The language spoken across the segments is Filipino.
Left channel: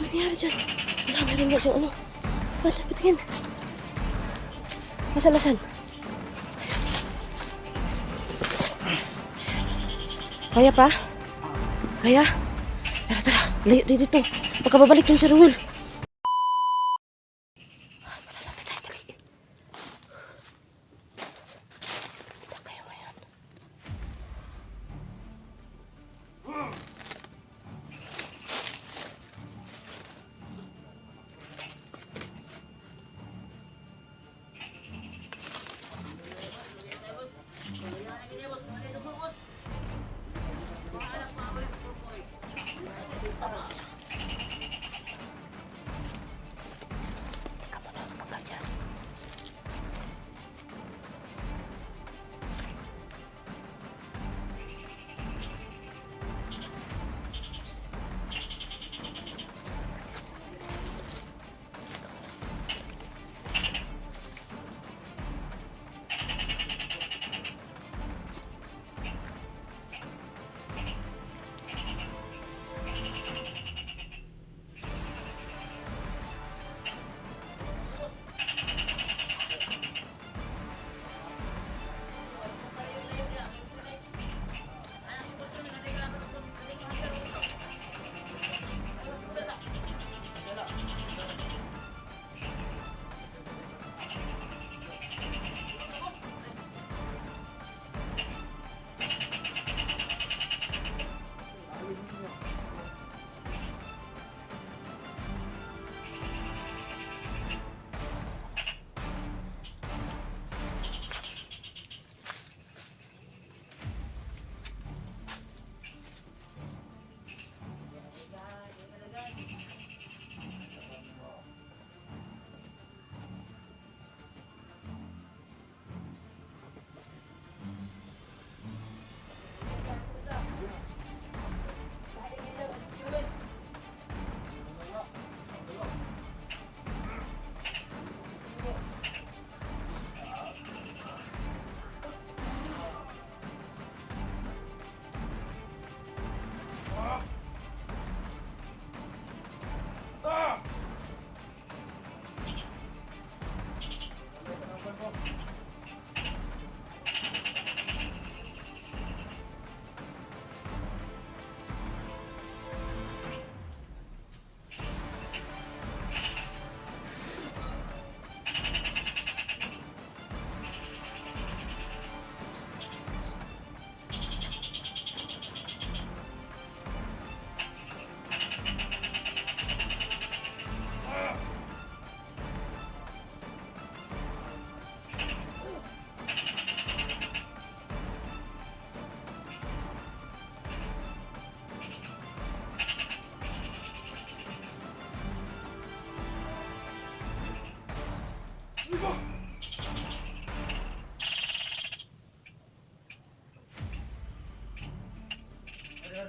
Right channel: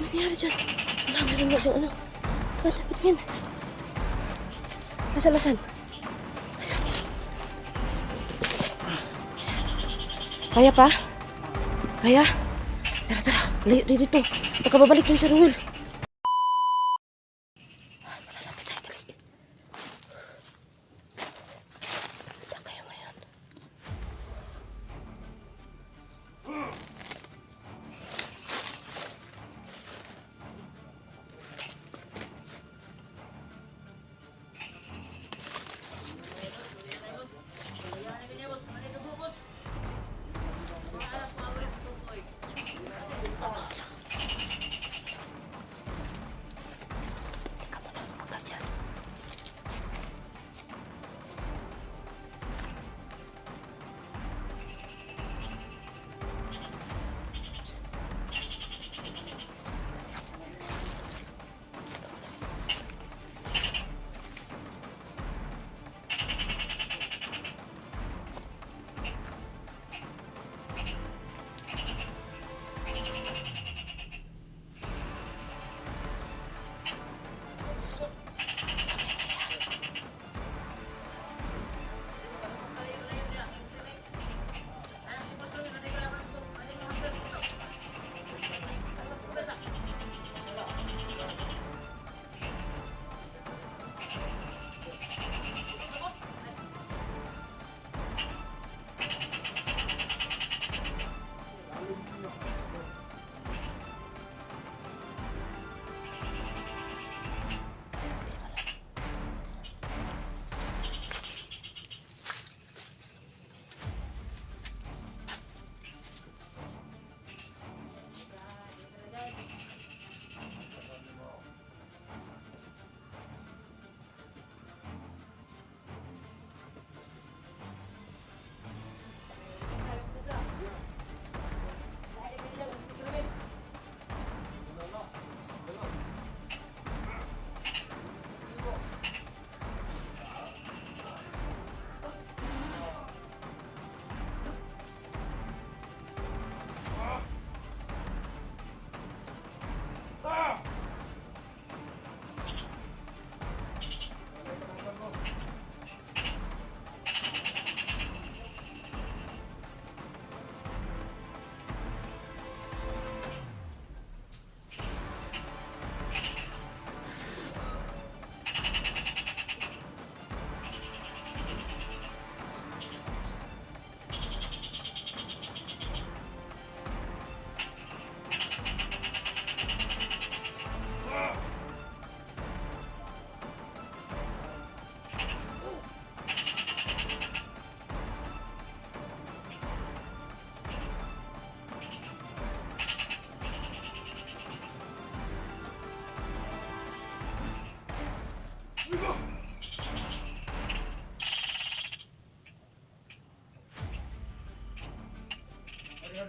Nangyari dyan? Wala, meron nga siyang ano. Bata, pitingin. Asan? Kaya pa? Kaya? Tara. Layo dito. Baka babalik yung si Ruel.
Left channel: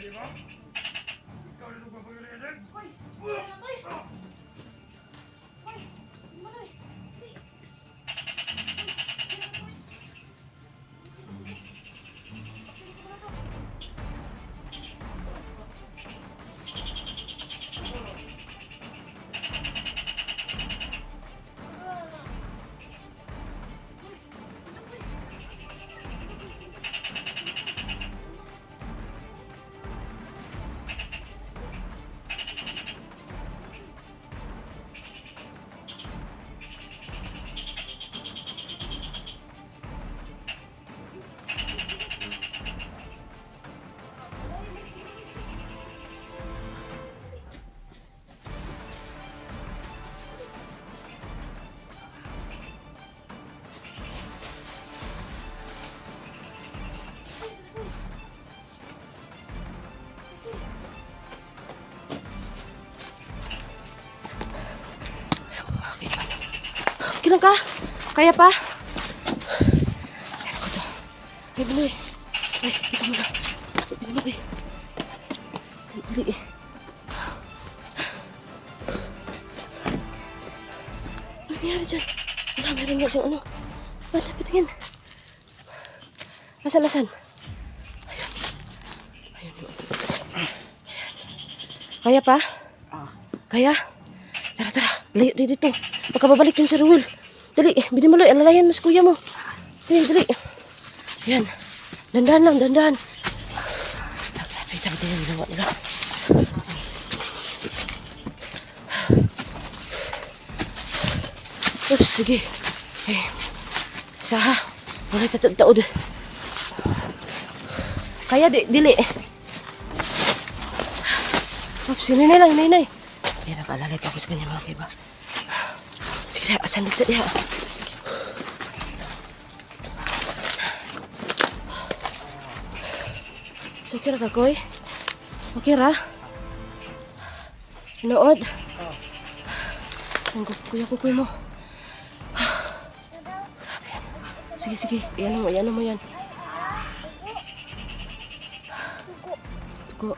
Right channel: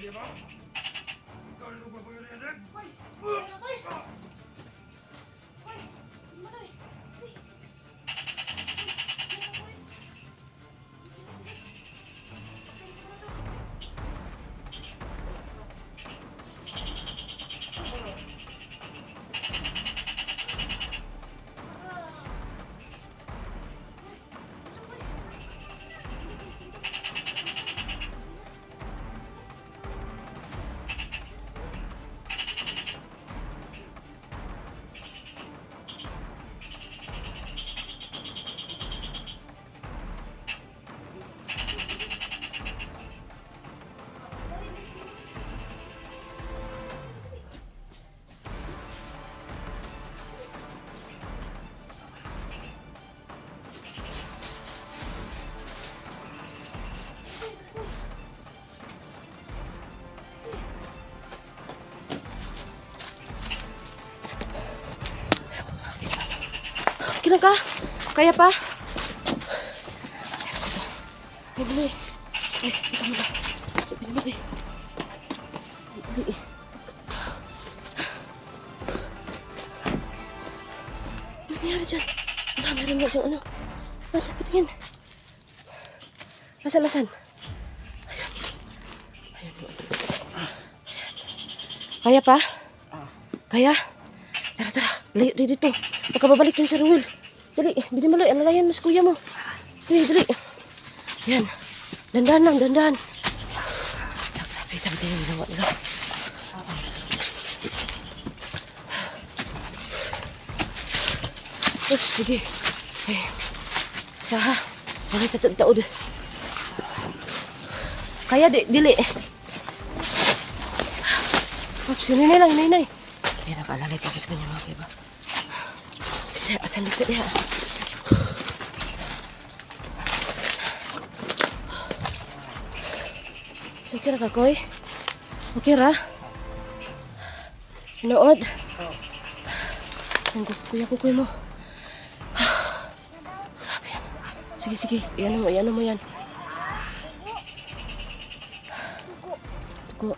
Di ba? Ikaw rin ang papagalian. Hoy! Kailan ka? Kaya pa? Ay, buloy. Ay, kita mo ba? Buloy. Dali. nangyari dyan? Wala, meron nga siyang ano. Wala, patingin. Asan? Ayun. Ayun yung ano. Kaya pa? Kaya? Tara. Layo dito. Baka babalik yung si Ruel. Dali, Binimaluy. Alalayan mo sa kuya mo. Dali. Ayan. Dandan lang. Grabe yung ginawa nila. Oops, sige. Ay. Saha. Wala taod. Kaya dili. Oops, hinay lang. Hindi nakalalay ako sa kanya mga kiba. Sige, asan sa iya. So, okay ra ka, Koy? Okay ra? Hinood? Ang kuya mo. Grabe yan. Sige. Iyan mo yan. Tugo.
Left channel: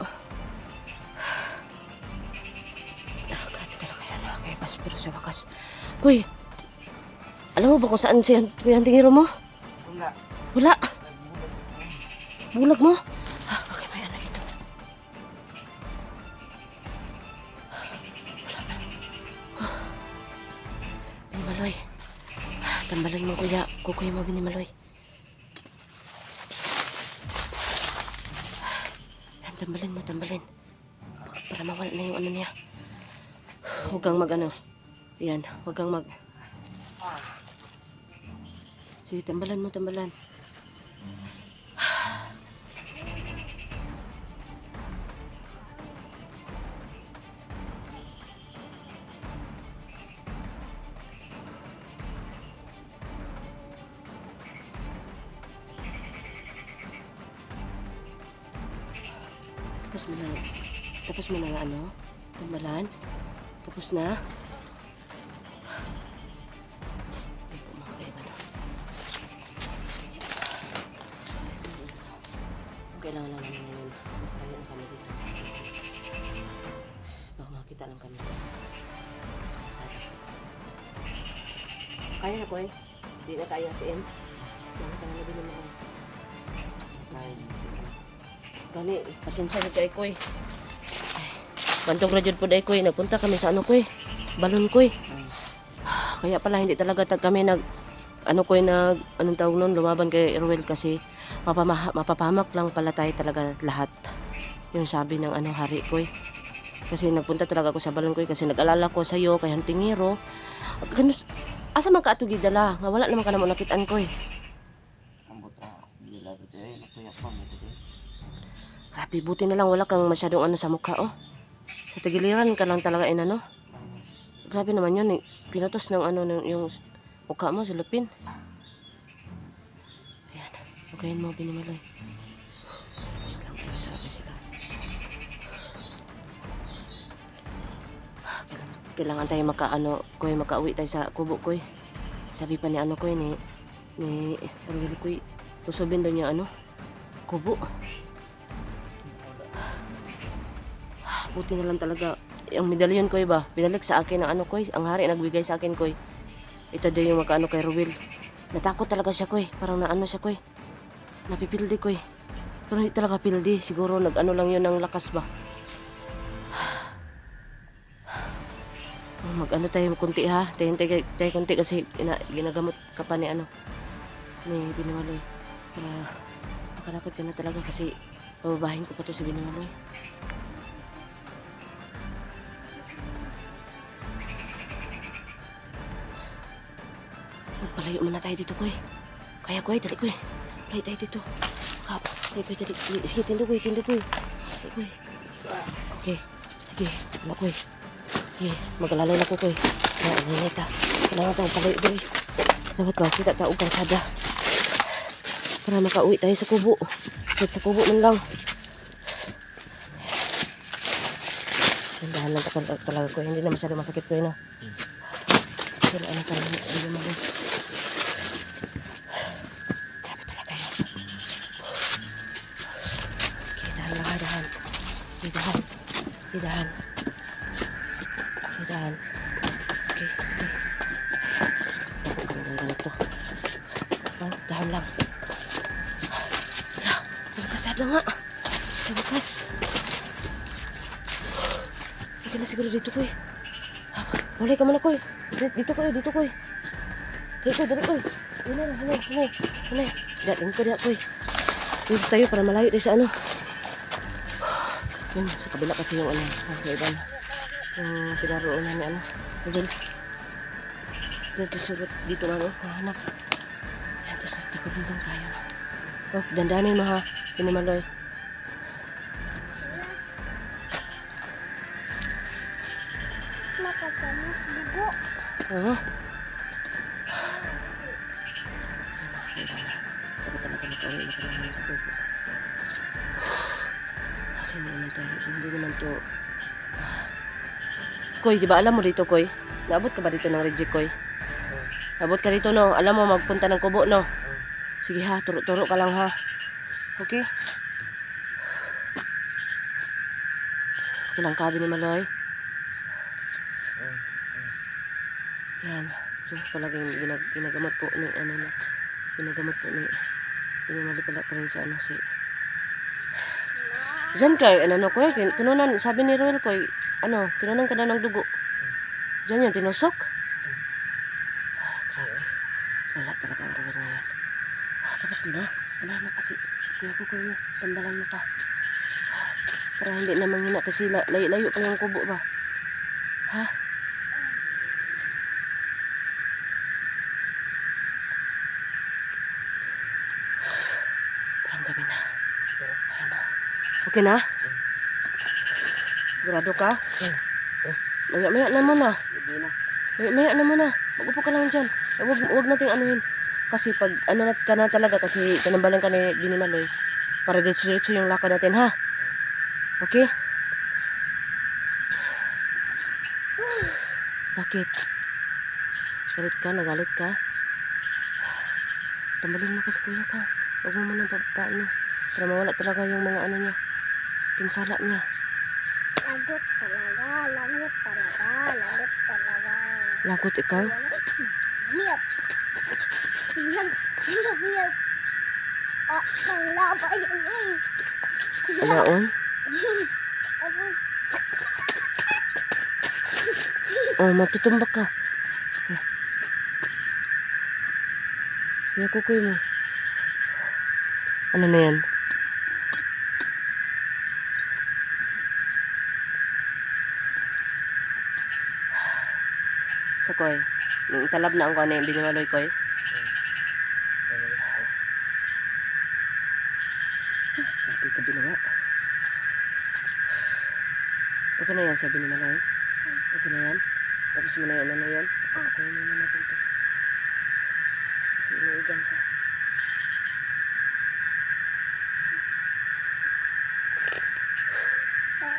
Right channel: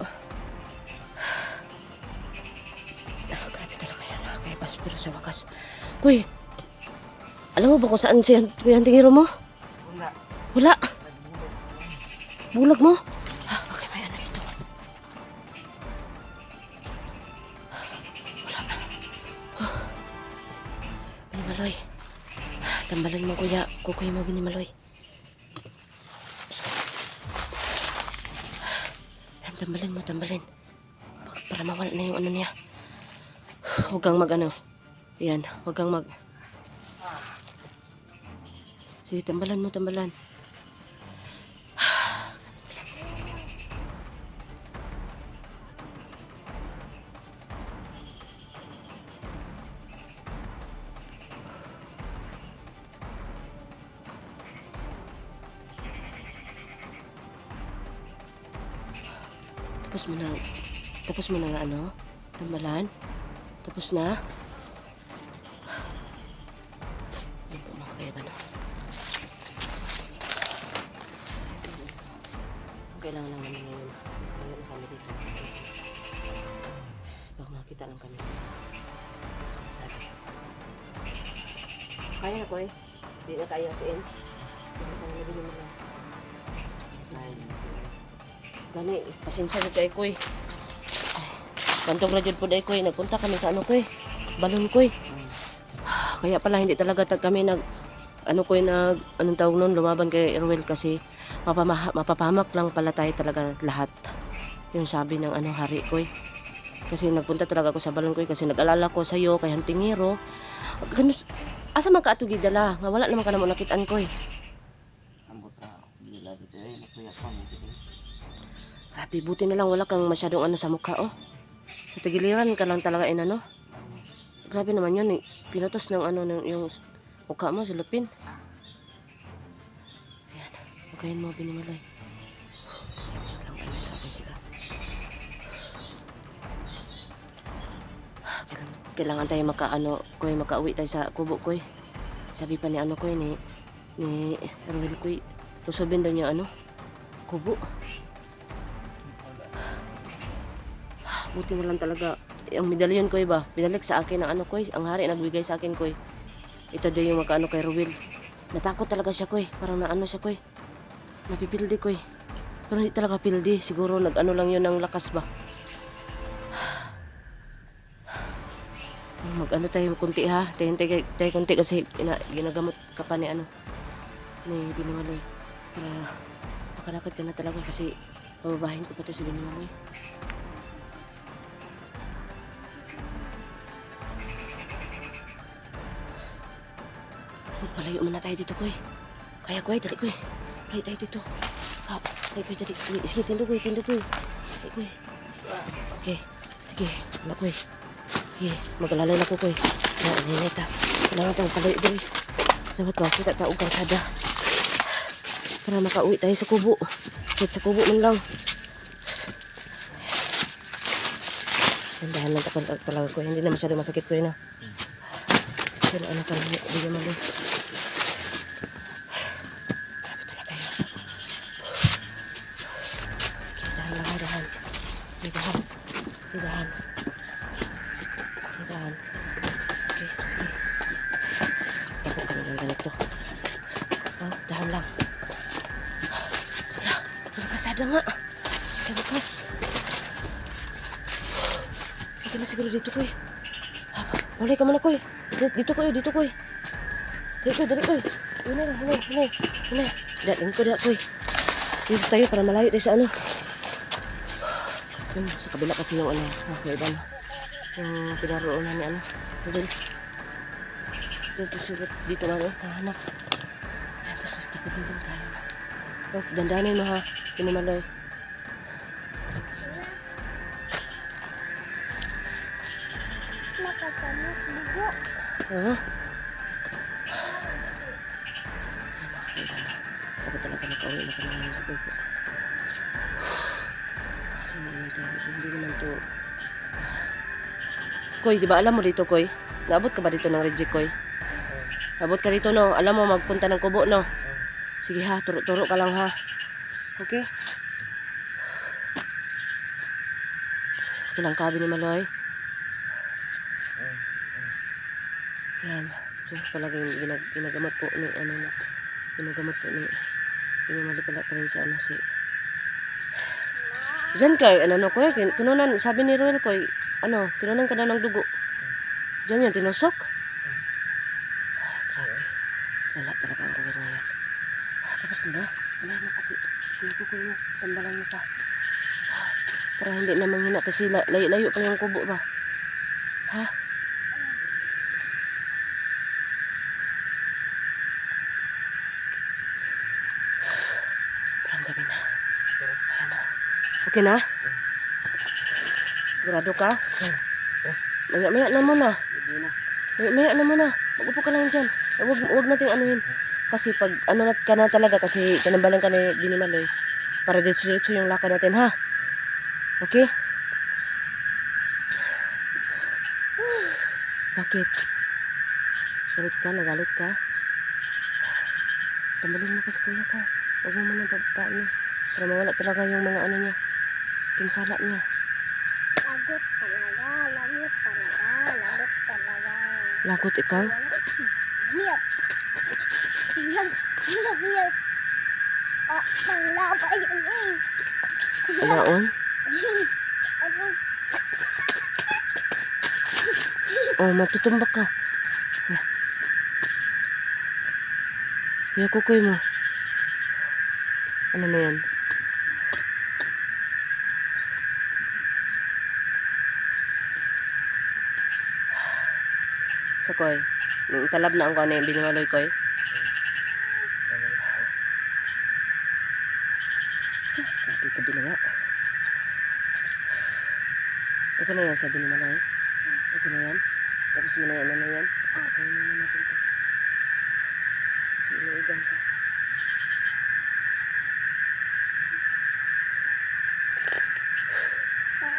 Grabe talaga yan. Kaya pero sa wakas. Kuy, alam mo ba kung saan siya yung tingiro mo? Wala. Bulag mo? Okay, may ano dito. Wala na. Binimaloy. Tambalan mo kuya. Kukuya mo Binimaloy. Tambalin. Para mawala na yung ano niya. Huwag kang mag-ano. Yan, huwag kang mag... Sige, tambalan mo. Tapos mo na ano? Tambalan? Tapos na? Ay po mga kaya na. Kailangan lang namin ngayon. Magkakaroon na kami dito. Baka makita lang kami. Sabi. Kaya na ko eh. Hindi na kaya si N. Kaya na nabili mo lang. Gani, pasensya na kay Koy. Bantog na dyan po dahil Koy. Nagpunta kami sa ano Koy. Balon Koy. Kaya pala hindi talaga kami anong tawag nun, lumaban kay Ruel kasi mapapahamak lang pala tayo talaga lahat. Yung sabi ng hari Koy. Kasi nagpunta talaga ako sa balon Koy kasi nag-alala ko sa'yo kay Hantingiro. Asa man ka atong gidala? Nga wala naman ka naman nakitaan Koy. Grabe, buti na lang wala kang masyadong ano sa mukha, oh. Sa tagiliran ka lang talaga Grabe naman yun, pinutos ng yung mukha mo, silupin. Ayan, magayin mo, Binimaloy. Walang ano talaga sila. Kailangan tayo makauwi tayo sa kubo, Koy. Sabi pa ni Koy, ni Ruel, Koy, tusubin daw niya kubo. Buti na lang talaga. Yung medalyon Koy ba? Binalik sa akin ng Koy. Ang hari nagbigay sa akin Koy. Ito daw yung makaano kay Ruel. Natakot talaga siya Koy. Parang siya Koy. Napipildi Koy. Pero hindi talaga pildi. Siguro lang yun ng lakas ba. Mag tayo kunti ha. Tayo kunti kasi ginagamot ka pa ni Binimaloy. Para makalakad ka na talaga kasi bababahin ko pa to si Binimaloy. Palayo muna tayo dito, Koy. Kaya, Koy, dali, Koy. Palayo tayo dito. Dali, Koy, dali. Sige, tindo, Koy. Dali, Koy. Okay. Sige, wala, Koy. Sige, mag-alalay na ko, Koy. Kaya, nainay ta. Kailangan tayong palayo, dali. Dapat ba, kita taong karsada. Para makauwi tayo sa kubo. Kahit sa kubo man lang. Tandahan lang talaga, Koy. Hindi na masyado masakit, Koy, na. Pero ka lang, hindi naman din. Grabe talaga yun. Okay, dahan lang ha, dahan. Okay, dahan. Okay, sige. Ang ganito. Oh, dahan lang. Wala, kasada nga. Sa wakas. Hindi na siguro dito, Koy. Mulay ka muna, Koy. Dito, Koy. Dito, Koy. Dali, Koy. Hinay. Dating ko diya, Koy. Dito tayo para malayo tayo sa ano. Yun, sa kabila kasi yung ano, kakaiba na. Yung pinaroonan ni ano. Dito sulit, dito lang eh, nahanap. Ayan, tapos nagtakot-bintang tayo na. Oh, dandanin mo ha, pinimaloy. Nakasamot dugo. Oo. Ay, mga kaiba na. Dapat talaga nakauwi na kami naman sa pupo. Kasi hindi naman to. Koy, di ba alam mo dito, Koy? Naabot ka ba dito ng reject, Koy? Naabot ka dito, no? Alam mo, magpunta ng kubo, no? Sige ha, turo-turo ka lang ha. Okay? Ilang kabi ni Maloy? Yan. So, palaging ginagamot po ni, ano na, ginagamot po ni, pinamali pala pa rin sa ano si, diyan kay, ano no, Koy, kinunan, sabi ni Roel, Koy, ano, kinunan ka daw ng dugo. Diyan yun, tinusok. Grabe. Lala talaga ang Roel ngayon. Tapos na, wala na kasi, nakukuy mo, tambalan mo pa. Para hindi na manghina kasi layo-layo pa yung kubo ba. Ha? Parang gabi na. Ayan na. Okay na? Sigurado ka? Maya-maya na muna. Maya-maya na muna. Mag-upo ka lang dyan. Huwag nating anuhin. Kasi pag ano na ka na talaga, kasi tinambalan ka ni Binimaloy, para dito yung lakad natin, ha? Okay? Bakit? Galit ka? Nagalit ka? Tambalin mo kasi kuya ka. Huwag mo muna paano. Para mawala talaga yung mga ano niya. Pinsala niya. Lagot talaga. Lagot ikaw? Miyap. Miyap. Panglaba yan eh. Alaon? Tapos, Oh, matutumbak ka. Kaya kukoy mo. Ano na yan? Sa Koy. Talab na ang kuha ni Binimaloy, Koy. Kabi na nga. Okay na yan, sabi ni Maloy. Okay na yan. Tapos mo na yan, ano yan? Okay na naman natin ito. Kasi inuigan ka.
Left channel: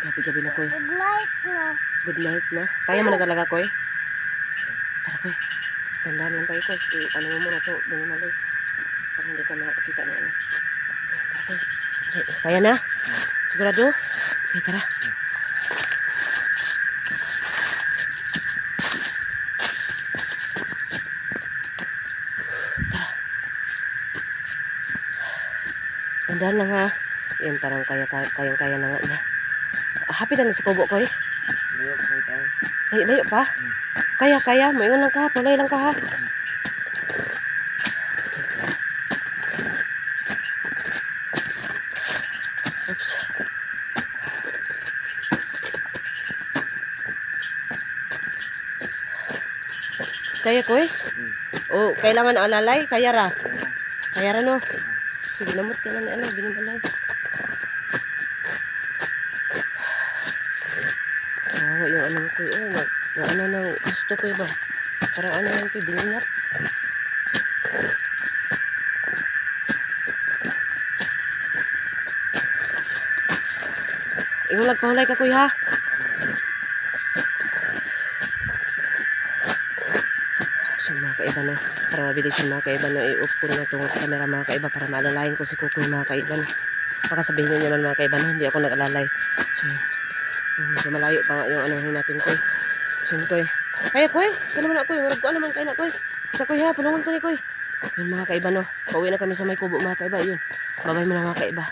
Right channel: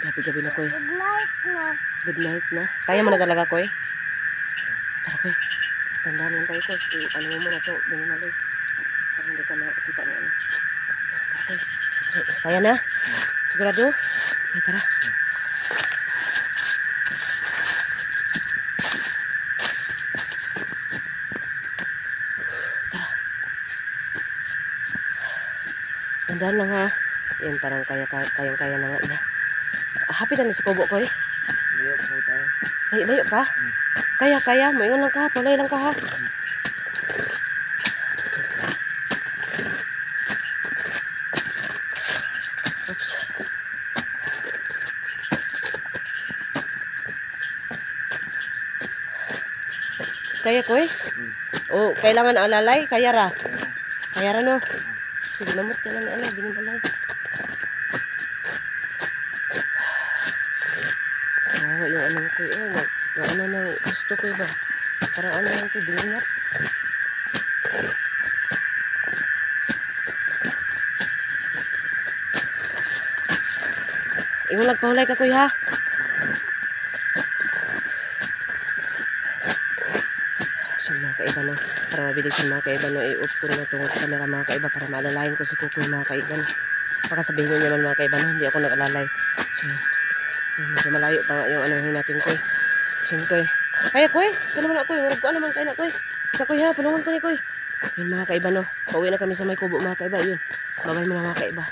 Gabi-gabi na, Koy. good night na. Good night na. Kaya mo na talaga, Koy. Tara, Koy. Tandaan lang tayo, Koy. Ano mo muna ito, Binimaloy. Para hindi ka makakita na ano. Tara, Koy. Kaya na? Sigurado? Sige, tara. Tandaan lang ha. Yan, parang kayang-kaya na nga na. Happy na sa kubo, Koy. Layo pa tayo. Layo pa? Kaya. Maingon lang ka ha. Pulay lang ka ha. Oops. Kaya, Koy? O, kailangan alalay? Kaya ra? Kaya ra, no? Sige, namot ka lang ano, Binimaloy. Yung ano ko, yung ano nang gusto ko ba? Parang ano lang ito, bingingat. Imo nagpahulay ka, Kuy, ha? So, mga kaiba na, para mabilis yung mga kaiba na, i-off ko na itong camera mga kaiba para maalalayan ko si Kukoy mga kaiba na. Baka sabihin nyo naman mga kaiba na, hindi ako nag-alalay. So, medyo malayo pa nga yung ano natin, Koy. So, Koy. Kaya, Koy? Saan naman ako, Koy? Marag ko naman kayo na, Koy. Isa kuy ha, panungon ko ni kuy. Yun mga kaiba no. Pauwi na kami sa may kubo mga kaiba. Yun. Babay mo na mga kaiba.